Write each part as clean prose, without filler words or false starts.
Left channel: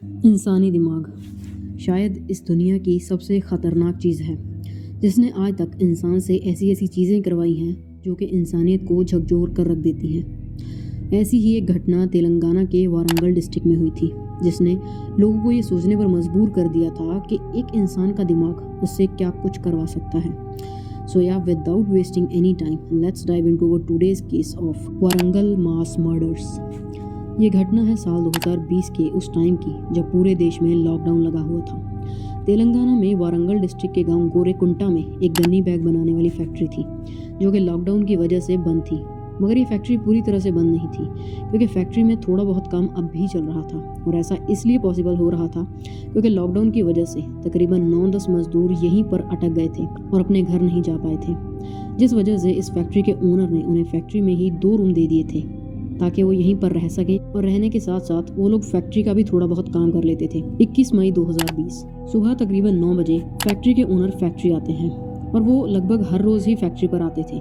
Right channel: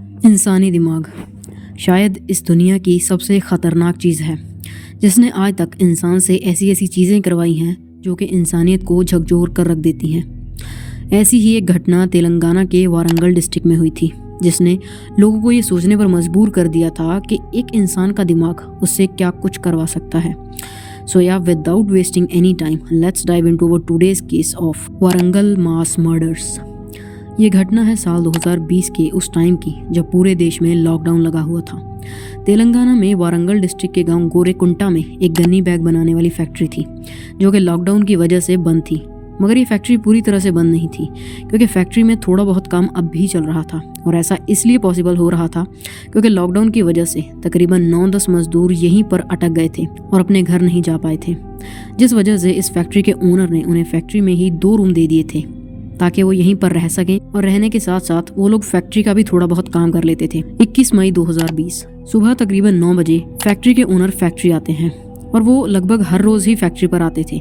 इंसानी दिमाग शायद इस दुनिया की सबसे ख़तरनाक चीज़ है जिसने आज तक इंसान से ऐसी ऐसी चीज़ें करवाई हैं जो कि इंसानियत को झकझोर कर रख देती हैं। ऐसी ही एक घटना तेलंगाना के वारंगल डिस्ट्रिक्ट में हुई थी जिसने लोगों को ये सोचने पर मजबूर कर दिया था कि एक इंसान का दिमाग उससे क्या कुछ करवा सकता है। सो या without wasting any time let's dive into our today's case of Warangal mass murders. ये घटना है साल 2020 के उस टाइम की जब पूरे देश में लॉकडाउन लगा हुआ था। तेलंगाना में वारंगल डिस्ट्रिक्ट के गांव गोरेकुंटा में एक गन्नी बैग बनाने वाली फैक्ट्री थी जो कि लॉकडाउन की वजह से बंद थी। मगर ये फैक्ट्री पूरी तरह से बंद नहीं थी क्योंकि फैक्ट्री में थोड़ा बहुत काम अब भी चल रहा था और ऐसा इसलिए पॉसिबल हो रहा था क्योंकि लॉकडाउन की वजह से तकरीबन 9-10 मजदूर यहीं पर अटक गए थे और अपने घर नहीं जा पाए थे, जिस वजह से इस फैक्ट्री के ओनर ने उन्हें फैक्ट्री में ही 2 रूम दे दिए थे ताकि वो यहीं पर रह सकें और रहने के साथ साथ वो लोग फैक्ट्री का भी थोड़ा बहुत काम कर लेते थे। 21 मई 2020 सुबह तकरीबन 9 बजे फैक्ट्री के ओनर फैक्ट्री आते हैं और वो लगभग हर रोज़ ही फैक्ट्री पर आते थे।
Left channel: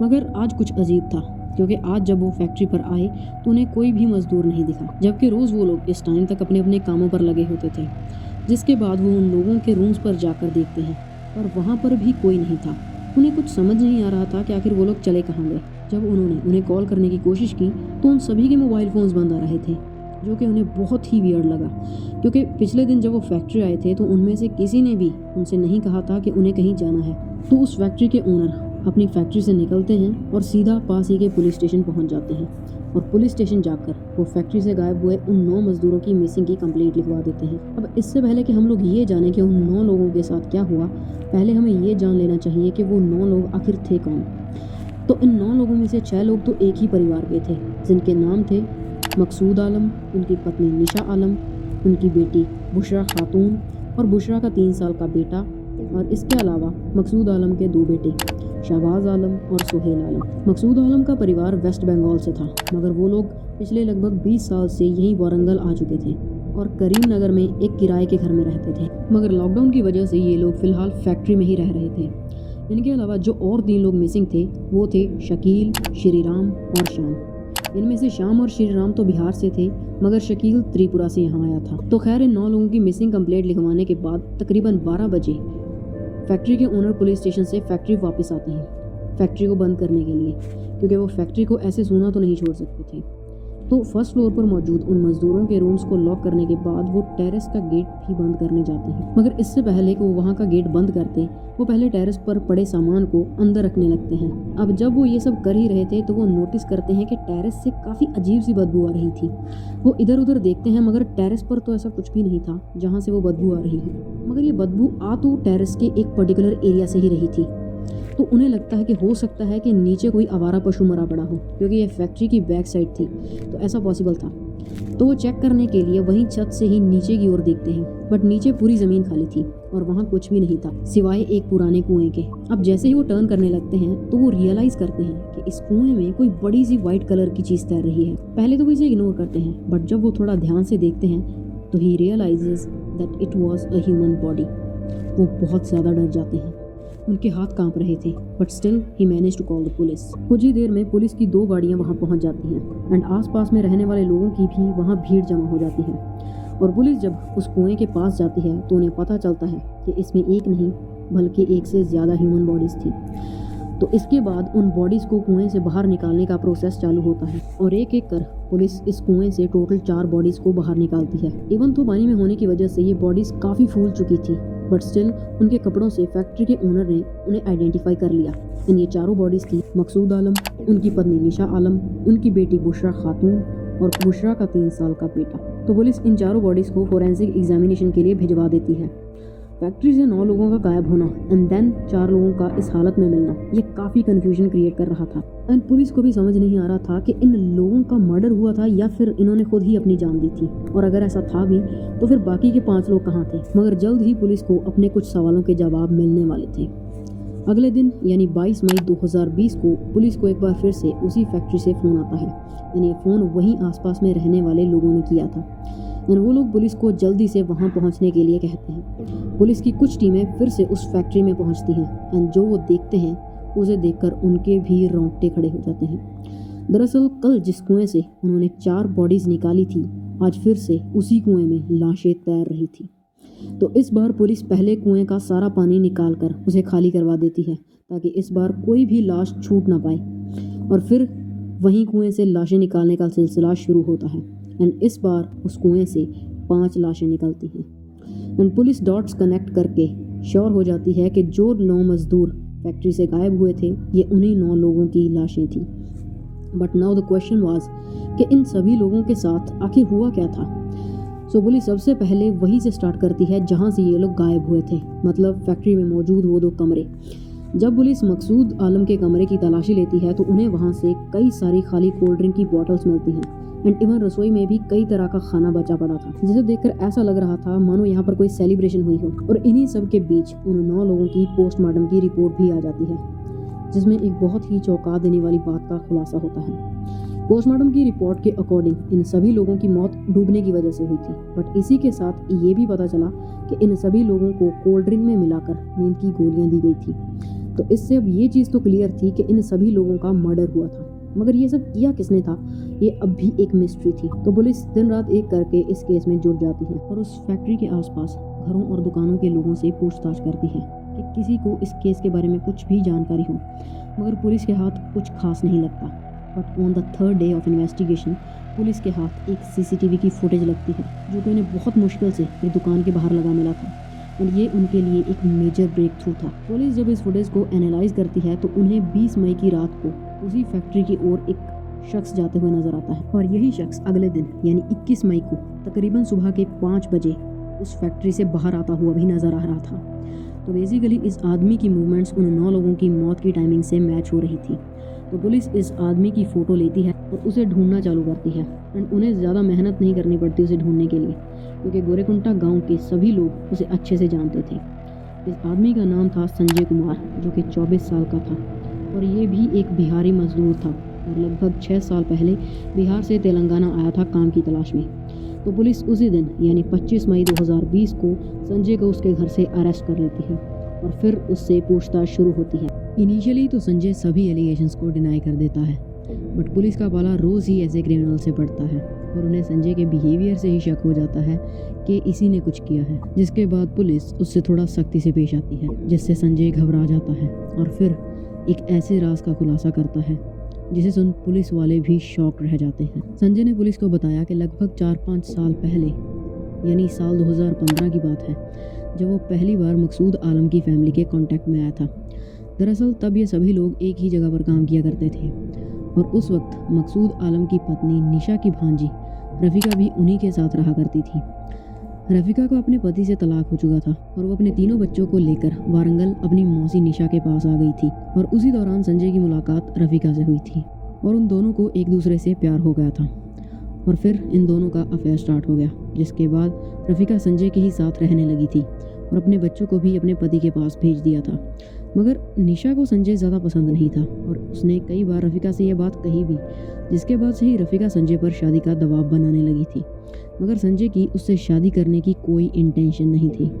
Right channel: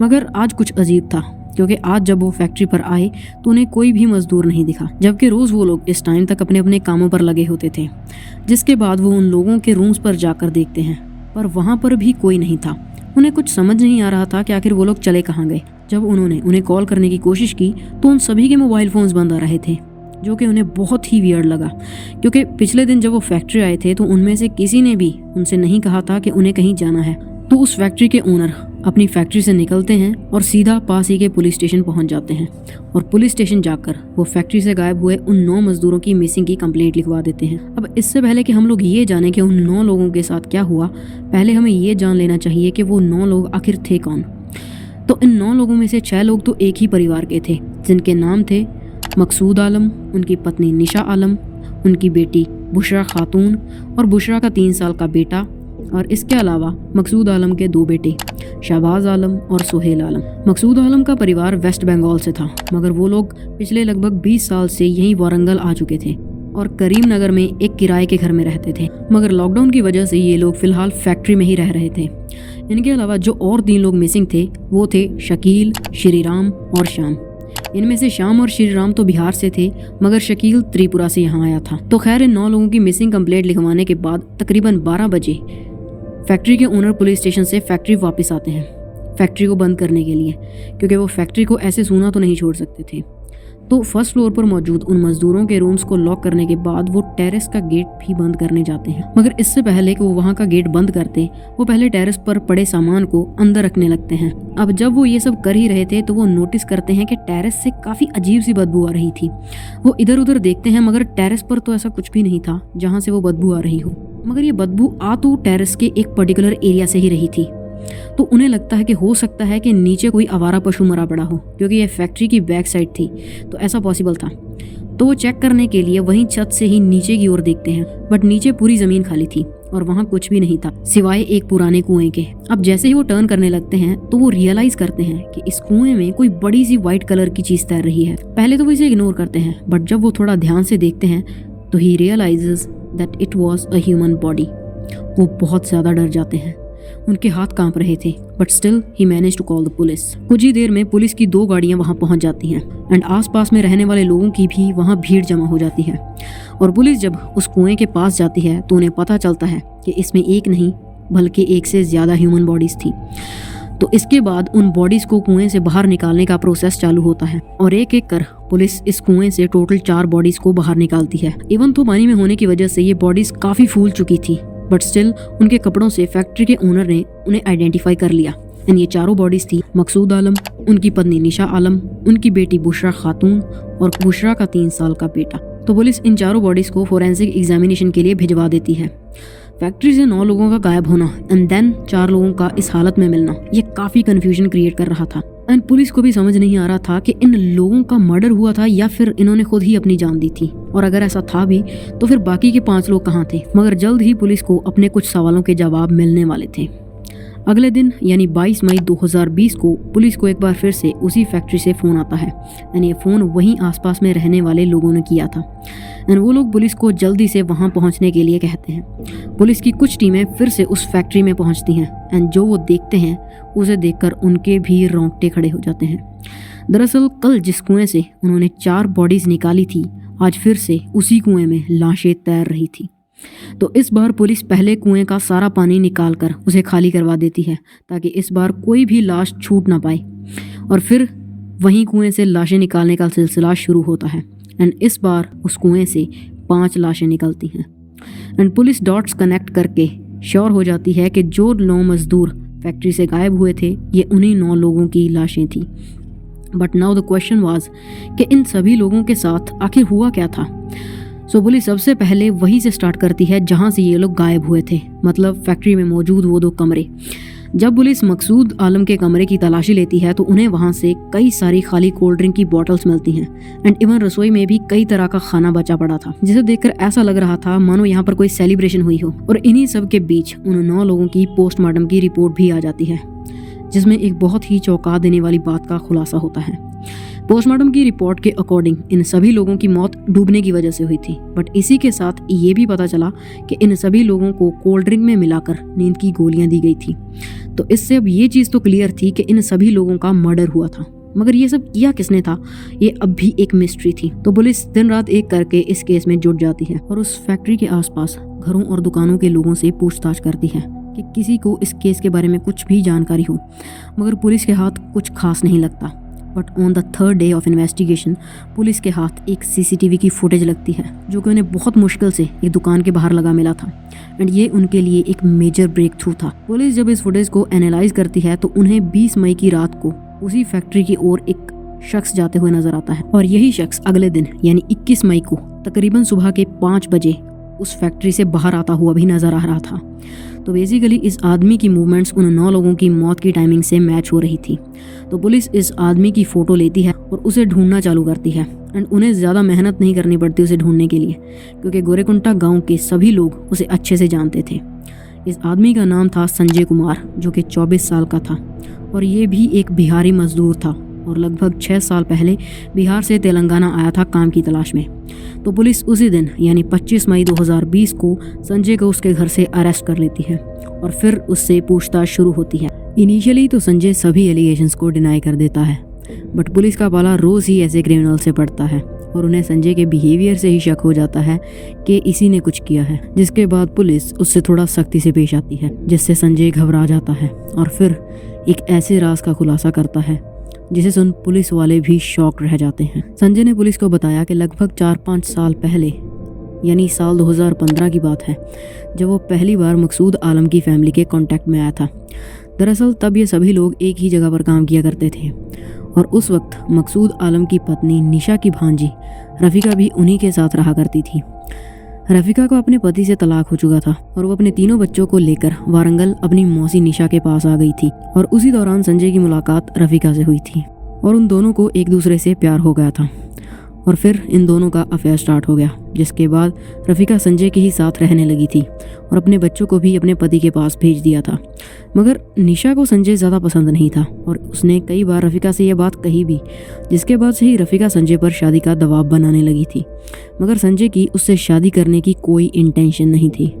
मगर आज कुछ अजीब था क्योंकि आज जब वो फैक्ट्री पर आए तो उन्हें कोई भी मजदूर नहीं दिखा, जबकि रोज़ वो लोग इस टाइम तक अपने अपने कामों पर लगे होते थे। जिसके बाद वो उन लोगों के रूम्स पर जाकर देखते हैं पर वहाँ पर भी कोई नहीं था। उन्हें कुछ समझ नहीं आ रहा था कि आखिर वो लोग चले कहाँ गए। जब उन्होंने उन्हें कॉल करने की कोशिश की तो उन सभी के मोबाइल फ़ोन्स बंद आ रहे थे, जो कि उन्हें बहुत ही वियर्ड लगा क्योंकि पिछले दिन जब वो फैक्ट्री आए थे तो उनमें से किसी ने भी उनसे नहीं कहा था कि उन्हें कहीं जाना है। तो उस फैक्ट्री के ओनर अपनी फैक्ट्री से निकलते हैं और सीधा पास ही के पुलिस स्टेशन पहुंच जाते हैं और पुलिस स्टेशन जाकर वो फैक्ट्री से गायब हुए उन 9 मजदूरों की मिसिंग की कंप्लेंट लिखवा देते हैं। अब इससे पहले कि हम लोग ये जाने कि उन 9 लोगों के साथ क्या हुआ, पहले हमें ये जान लेना चाहिए कि वो 9 लोग आखिर थे कौन। तो इन 9 लोगों में से 6 लोग तो एक ही परिवार के थे जिनके नाम थे मकसूद आलम, उनकी पत्नी निशा आलम, उनकी बेटी बुशरा खातून और बुशरा का 3 साल का बेटा, और इसके अलावा मकसूद आलम के 2 बेटे शहबाज आलम और सुहेल आलम। मकसूद आलम का परिवार वेस्ट बंगाल से था मगर वो लोग पिछले लगभग 20 साल से यहीं वारंगल आ चुके थे और करीम नगर में एक किराए के घर में रहते थे। मगर लॉकडाउन की वजह से ये लोग फिलहाल फैक्ट्री में ही रह रहे थे। इनके अलावा जो और 3 लोग मिसिंग थे वो थे शकील, श्रीराम और श्याम। इनमें से श्याम और श्रीराम तो बिहार से थे मगर शकील त्रिपुरा से यहाँ आया था। तो खैर इन 9 लोगों की मिसिंग कंप्लेंट लिखवाने के बाद तकरीबन 12 बजे फैक्ट्री के ओनर पुलिस स्टेशन से फैक्ट्री वापस आते हैं फैक्ट्री को बंद करने के लिए, क्योंकि वो फैक्ट्री को ऐसे सूना तो नहीं छोड़ सकते थे। तो फर्स्ट फ्लोर पर मौजूद उन मजदूरों के रूम्स को लॉक करने के बाद वो टेरेस का गेट भी बंद करने जाते हैं। मगर इससे पहले कि वो वहाँ का गेट बंद करते वो पहले टेरेस पर पड़े सामान को अंदर रखने लगते हैं। अब जब वो ये सब कर ही रहे थे तो वो नोटिस करते हैं कि टेरेस से काफ़ी अजीब सी बदबू आ रही थी। वो इधर उधर देखते हैं मगर टेरेस पर तो ऐसा कुछ भी नहीं था जहाँ से वो बदबू आ रही हो। मगर ये बदबू आ तो टेरेस के एक पर्टिकुलर एरिया से ही रही थी। तो उन्हें लगता है कि हो सकता है कि नीचे कोई आवारा पशु मरा पड़ा हो, क्योंकि ये फैक्ट्री की बैक साइड थी तो ऐसा पॉसिबल था। तो वो चेक करने के लिए वहीं छत से ही नीचे की ओर देखते हैं, बट नीचे पूरी ज़मीन खाली थी और वहाँ कुछ भी नहीं था सिवाय एक पुराने कुएं के। अब जैसे ही वो टर्न करने लगते हैं तो वो रियलाइज़ करते हैं कि इस कुएं में कोई बड़ी सी वाइट कलर की चीज़ तैर रही है। पहले तो वो इसे इग्नोर करते हैं बट जब वो थोड़ा ध्यान से देखते हैं तो he realises that it was a human body. वो बहुत ज़्यादा डर जाते हैं, उनके हाथ कांप रहे थे but still he manage to call the police. कुछ ही देर में पुलिस की 2 गाड़ियां वहां पहुंच जाती हैं एंड आसपास में रहने वाले लोगों की भी वहां भीड़ जमा हो जाती है। और पुलिस जब उस कुएं के पास जाती है तो उन्हें पता चलता है कि इसमें एक नहीं बल्कि 1 से ज़्यादा ह्यूमन बॉडीज़ थी। तो इसके बाद उन बॉडीज़ को कुएं से बाहर निकालने का प्रोसेस चालू होता है और एक एक कर पुलिस इस कुएं से टोटल 4 बॉडीज़ को बाहर निकालती है। इवन तो पानी में होने की वजह से ये बॉडीज़ काफ़ी फूल चुकी थी बट स्टिल उनके कपड़ों से फैक्ट्री के ओनर ने उन्हें आइडेंटिफाई कर लिया। एंड ये 4 बॉडीज़ थी मकसूद आलम, उनकी पत्नी निशा आलम, उनकी बेटी बुशरा खातून और बुशरा का 3 साल का बेटा। तो पुलिस इन 4 बॉडीज़ को फोरेंसिक एग्जामिनेशन के लिए भिजवा देती है। फैक्ट्री से 9 लोगों का गायब होना एंड देन 4 लोगों का इस हालत में मिलना ये काफ़ी कन्फ्यूजन क्रिएट कर रहा था। एंड पुलिस को भी समझ नहीं आ रहा था कि इन लोगों का मर्डर हुआ था या फिर इन्होंने खुद ही अपनी जान दी थी, और अगर ऐसा था भी तो फिर बाकी के 5 लोग कहाँ थे। मगर जल्द ही पुलिस को अपने कुछ सवालों के जवाब मिलने वाले थे। अगले दिन यानी 22 मई 2020 को पुलिस को एक बार फिर से उसी फैक्ट्री से फ़ोन आता है एंड ये फ़ोन वहीं आसपास में रहने वाले लोगों ने किया था एंड वो लोग पुलिस को जल्दी से वहां पहुंचने के लिए कहते हैं। पुलिस की कुछ टीमें फिर से उस फैक्ट्री में पहुंचती हैं एंड जो वो देखते हैं उसे देखकर उनके भी रोंगटे खड़े हो जाते हैं। दरअसल कल जिस कुएं से उन्होंने 4 बॉडीज़ निकाली थी आज फिर से उसी कुएं में लाशें तैर रही थी। तो इस बार पुलिस पहले कुएं का सारा पानी निकाल कर उसे खाली करवा देती है ताकि इस बार कोई भी लाश छूट ना पाए। और फिर वहीं कुएं से लाशें निकालने का सिलसिला शुरू होता है एंड इस बार उस कुएं से 5 लाशें निकलती हैं एंड पुलिस डॉट्स कनेक्ट करके श्योर हो जाती है कि जो 9 मजदूर फैक्ट्री से गायब हुए थे ये उन्हीं 9 लोगों की लाशें थी। But now the question was कि इन सभी लोगों के साथ आखिर हुआ क्या था। सो पुलिस सबसे पहले वहीं से स्टार्ट करती है जहां से ये लोग गायब हुए थे, मतलब फैक्ट्री में मौजूद वो 2 कमरे। जब पुलिस मकसूद आलम के कमरे की तलाशी लेती है तो उन्हें वहां से कई सारी खाली कोल्ड ड्रिंक की बॉटल्स मिलती हैं एंड इवन रसोई में भी कई तरह का खाना बचा पड़ा था, जिसे देखकर ऐसा लग रहा था मानो यहाँ पर कोई सेलिब्रेशन हुई हो। और इन्हीं सब के बीच उन 9 लोगों की पोस्टमार्टम की रिपोर्ट भी आ जाती है, जिसमें एक बहुत ही चौंका देने वाली बात का खुलासा होता है। पोस्टमार्टम की रिपोर्ट के अकॉर्डिंग इन सभी लोगों की मौत डूबने की वजह से हुई थी, बट इसी के साथ ये भी पता चला कि इन सभी लोगों को कोल्ड ड्रिंक में मिलाकर नींद की गोलियां दी गई थी। तो इससे अब ये चीज़ तो क्लियर थी कि इन सभी लोगों का मर्डर हुआ था, मगर ये सब किया किसने था ये अब भी एक मिस्ट्री थी। तो पुलिस दिन रात एक करके इस केस में जुट जाती है और उस फैक्ट्री के आसपास घरों और दुकानों के लोगों से पूछताछ करती है कि किसी को इस केस के बारे में कुछ भी जानकारी हो, मगर पुलिस के हाथ कुछ खास नहीं लगता। But on the 3rd day of investigation police के हाथ एक CCTV की फुटेज लगती है जो कि उन्हें बहुत मुश्किल से एक दुकान के बाहर लगा मिला था एंड ये उनके लिए एक मेजर ब्रेक थ्रू था। पुलिस जब इस फुटेज को एनालाइज करती है तो उन्हें 20 मई की रात को उसी फैक्ट्री की ओर एक शख्स जाते हुए नजर आता है और यही शख्स अगले दिन यानी 21 मई को तकरीबन सुबह के 5 बजे उस फैक्ट्री से बाहर आता हुआ भी नजर आ रहा था। तो बेसिकली इस आदमी की मूवमेंट्स उन 9 लोगों की मौत की टाइमिंग से मैच हो रही थी। तो पुलिस इस आदमी की फ़ोटो लेती है और उसे ढूंढना चालू करती है एंड उन्हें ज़्यादा मेहनत नहीं करनी पड़ती उसे ढूंढने के लिए, क्योंकि गोरेकुंटा गांव के सभी लोग उसे अच्छे से जानते थे। इस आदमी का नाम था संजय कुमार, जो कि 24 साल का था और ये भी एक बिहारी मजदूर था और लगभग 6 साल पहले बिहार से तेलंगाना आया था काम की तलाश में। तो पुलिस उसी दिन यानी 25 मई 2020 को संजय को उसके घर से अरेस्ट कर लेती है और फिर उससे पूछताछ शुरू होती है। इनिशियली तो संजय सभी एलिगेशंस को डिनाई कर देता है, बट पुलिस का पाला रोज़ ही ऐसे क्रिमिनल से पड़ता है और उन्हें संजय के बिहेवियर से ही शक हो जाता है कि इसी ने कुछ किया है, जिसके बाद पुलिस उससे थोड़ा सख्ती से पेश आती है, जिससे संजय घबरा जाता है और फिर एक ऐसे राज का खुलासा करता है जिसे सुन पुलिस वाले भी शॉक रह जाते हैं। संजय ने पुलिस को बताया कि लगभग 4-5 साल पहले यानी साल 2015 की बात है जब वो पहली बार मकसूद आलम की फैमिली के कांटेक्ट में आया था। दरअसल तब ये सभी लोग एक ही जगह पर काम किया करते थे और उस वक्त मकसूद आलम की पत्नी निशा की भांजी रफ़ीका भी उन्हीं के साथ रहा करती थी। रफ़ीका को अपने पति से तलाक हो चुका था और वो अपने 3 बच्चों को लेकर वारंगल अपनी मौसी निशा के पास आ गई थी और उसी दौरान संजय की मुलाकात रफ़ीका से हुई थी और उन दोनों को एक दूसरे से प्यार हो गया था और फिर इन दोनों का अफेयर स्टार्ट हो गया, जिसके बाद रफ़ीका संजय के ही साथ रहने लगी थी और अपने बच्चों को भी अपने पति के पास भेज दिया था। मगर निशा को संजय ज़्यादा पसंद नहीं था और उसने कई बार रफ़ीका से यह बात कही भी, जिसके बाद से ही रफ़ीका संजय पर शादी का दबाव बनाने लगी थी। मगर संजय की उससे शादी करने की कोई इंटेंशन नहीं थी,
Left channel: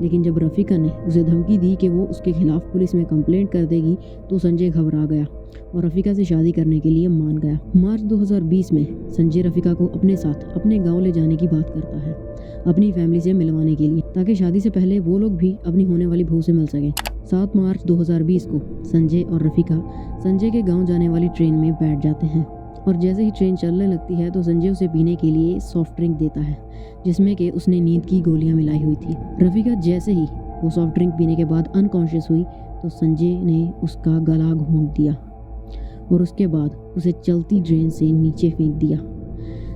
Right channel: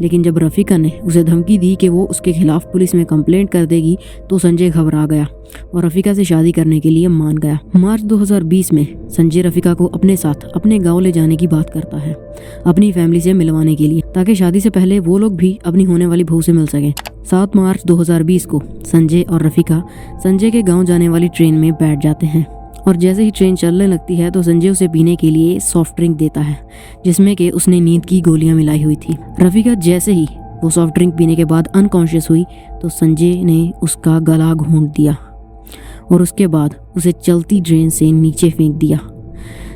लेकिन जब रफ़ीका ने उसे धमकी दी कि वो उसके खिलाफ पुलिस में कंप्लेंट कर देगी तो संजय घबरा गया और रफ़ीका से शादी करने के लिए मान गया। मार्च 2020 में संजय रफ़ीका को अपने साथ अपने गांव ले जाने की बात करता है अपनी फैमिली से मिलवाने के लिए, ताकि शादी से पहले वो लोग भी अपनी होने वाली बहू से मिल सकें। 7 मार्च 2020 को संजय और रफ़ीका संजय के गांव जाने वाली ट्रेन में बैठ जाते हैं और जैसे ही ट्रेन चलने लगती है तो संजय उसे पीने के लिए सॉफ्ट ड्रिंक देता है जिसमें कि उसने नींद की गोलियां मिलाई हुई थी। रफ़ीका जैसे ही वो सॉफ्ट ड्रिंक पीने के बाद अनकॉन्शियस हुई तो संजय ने उसका गला घोंट दिया और उसके बाद उसे चलती ट्रेन से नीचे फेंक दिया।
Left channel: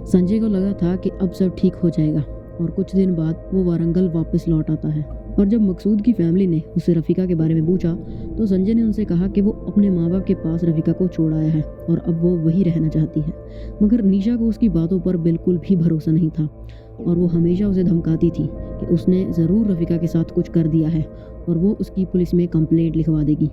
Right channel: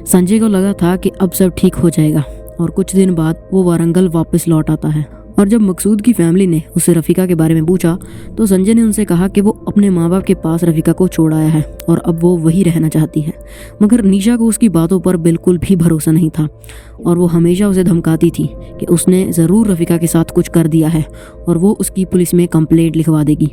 संजय को लगा था कि अब सब ठीक हो जाएगा और कुछ दिन बाद वो वारंगल वापस लौट आता है और जब मकसूद की फैमिली ने उससे रफ़ीका के बारे में पूछा तो संजय ने उनसे कहा कि वो अपने माँ बाप के पास रफ़ीका को छोड़ आया है और अब वो वही रहना चाहती है। मगर निशा को उसकी बातों पर बिल्कुल भी भरोसा नहीं था और वो हमेशा उसे धमकाती थी कि उसने ज़रूर रफ़ीका के साथ कुछ कर दिया है और वो उसकी पुलिस में कंप्लेंट लिखवा देगी,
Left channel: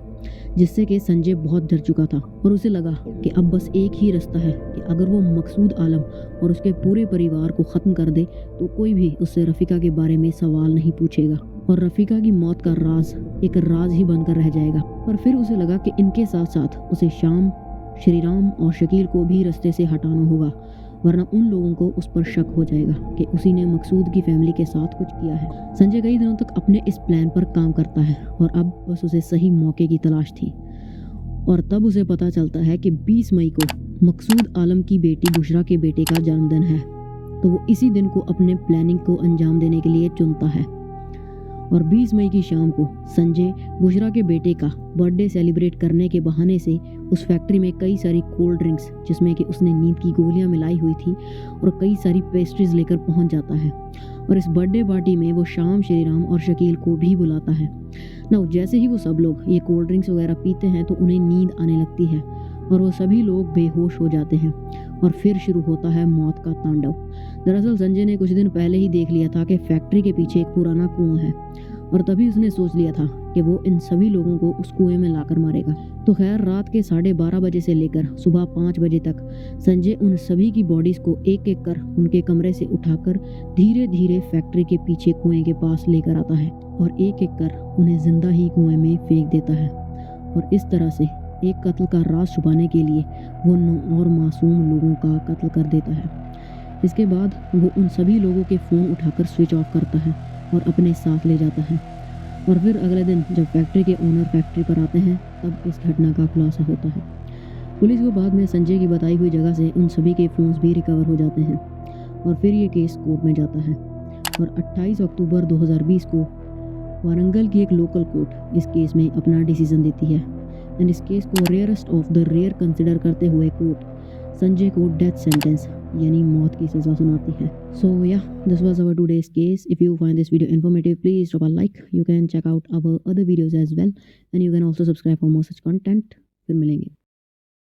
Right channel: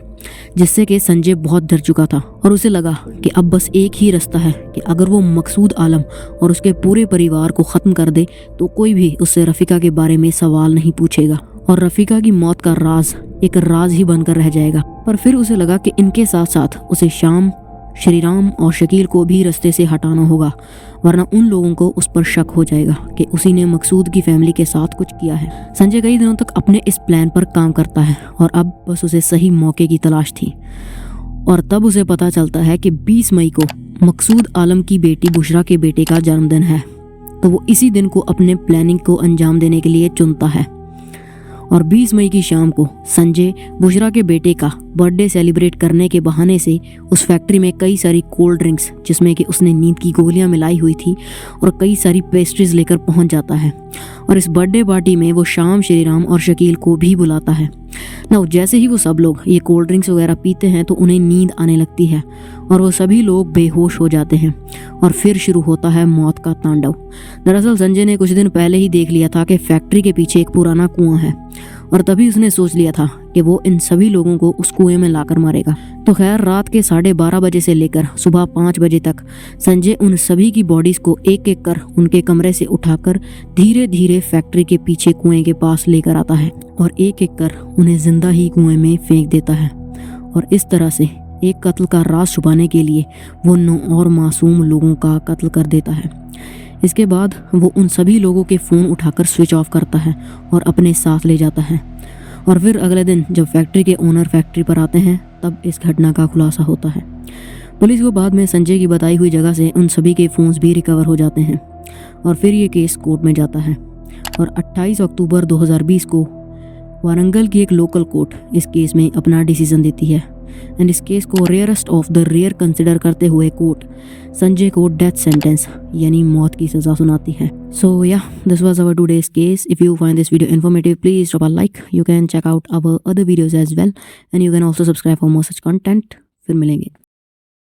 जिससे कि संजय बहुत डर चुका था और उसे लगा कि अब बस एक ही रास्ता है कि अगर वो मकसूद आलम और उसके पूरे परिवार को ख़त्म कर दे तो कोई भी उससे रफ़ीका के बारे में सवाल नहीं पूछेगा और रफ़ीका की मौत का राज एक राज ही बनकर रह जाएगा। पर फिर उसे लगा कि इनके साथ साथ उसे शाम श्रीराम और शकील को भी रास्ते से हटाना होगा, वरना उन लोगों को उस पर शक हो जाएगा कि उसी ने मकसूद की फैमिली के साथ कुछ किया है। संजय कई दिनों तक अपने इस प्लान पर काम करता है और अब बस उसे सही मौके की तलाश थी। और तब उसे पता चलता है कि 20 मई को मकसूद आलम की बेटी बुशरा के बेटे का जन्मदिन है, तो वो इसी दिन को अपने प्लानिंग को अंजाम देने के लिए चुनता है। और 20 मई की शाम को संजय बुशरा के बेटे का बर्थडे सेलिब्रेट करने के बहाने से उस फैक्ट्री में कई सारी कोल्ड ड्रिंक्स, जिसमें कि उसने नींद की गोलियां मिलाई हुई थी, और कई सारी पेस्ट्रीज लेकर पहुंच जाता है। और इस बर्थडे पार्टी में वो शाम श्रीराम और शकील को भी बुलाता है ना। जैसे ही वो सब लोग ये कोल्ड ड्रिंक्स वगैरह पीते हैं तो उन्हें नींद आने लगती है और वो सभी लोग बेहोश हो जाते हैं और फिर शुरू होता है मौत का तांडव। दरअसल संजय ने कुछ दिन पहले ही देख लिया था कि फैक्ट्री के पीछे एक पुराना कुआं है और तभी उसने सोच लिया था कि वो इन सभी लोगों को उस कुएं में लाकर मारेगा। तो खैर रात के 12:30 बजे से लेकर सुबह 5 बजे तक संजय उन सभी की बॉडीज को एक एक कर उनके कमरे से उठाकर धीरे धीरे फैक्ट्री के पीछे कुएं के पास लेकर आता है और एक एक कर उन्हें जिंदा ही कुएं में फेंक देता है। और इस तरह से एक कत्ल का राज छुपाने के लिए वो 9 और मासूम लोगों का कत्ल कर देता है। इसके बाद वो उन सभी लोगों के फ़ोन उठाकर स्विच ऑफ करता है और अपने साथ ले जाता है। और फिर अगले दिन जब फैक्ट्री के ओनर फैक्ट्री पर आते हैं तब इस घटना का खुलासा होता है। पुलिस को बाद में संजय की बताई हुई जगह से उन सभी के फ़ोन्स भी रिकवर हो जाते हैं और फिर ये केस कोर्ट में जाता है। और 28 अक्टूबर 2020 को वारंगल की एक लोकल कोर्ट इस केस में अपना डिसीजन देती है एंड इस केस को rarest of the rare consider करते हुए कोर्ट संजय को डेथ सेंटेंस यानी मौत की सज़ा सुनाती है। So yeah this was our today's case. If you find this video informative please drop a like. You can check out our other videos as well and you can also subscribe for more such content. फिर मिलेंगे।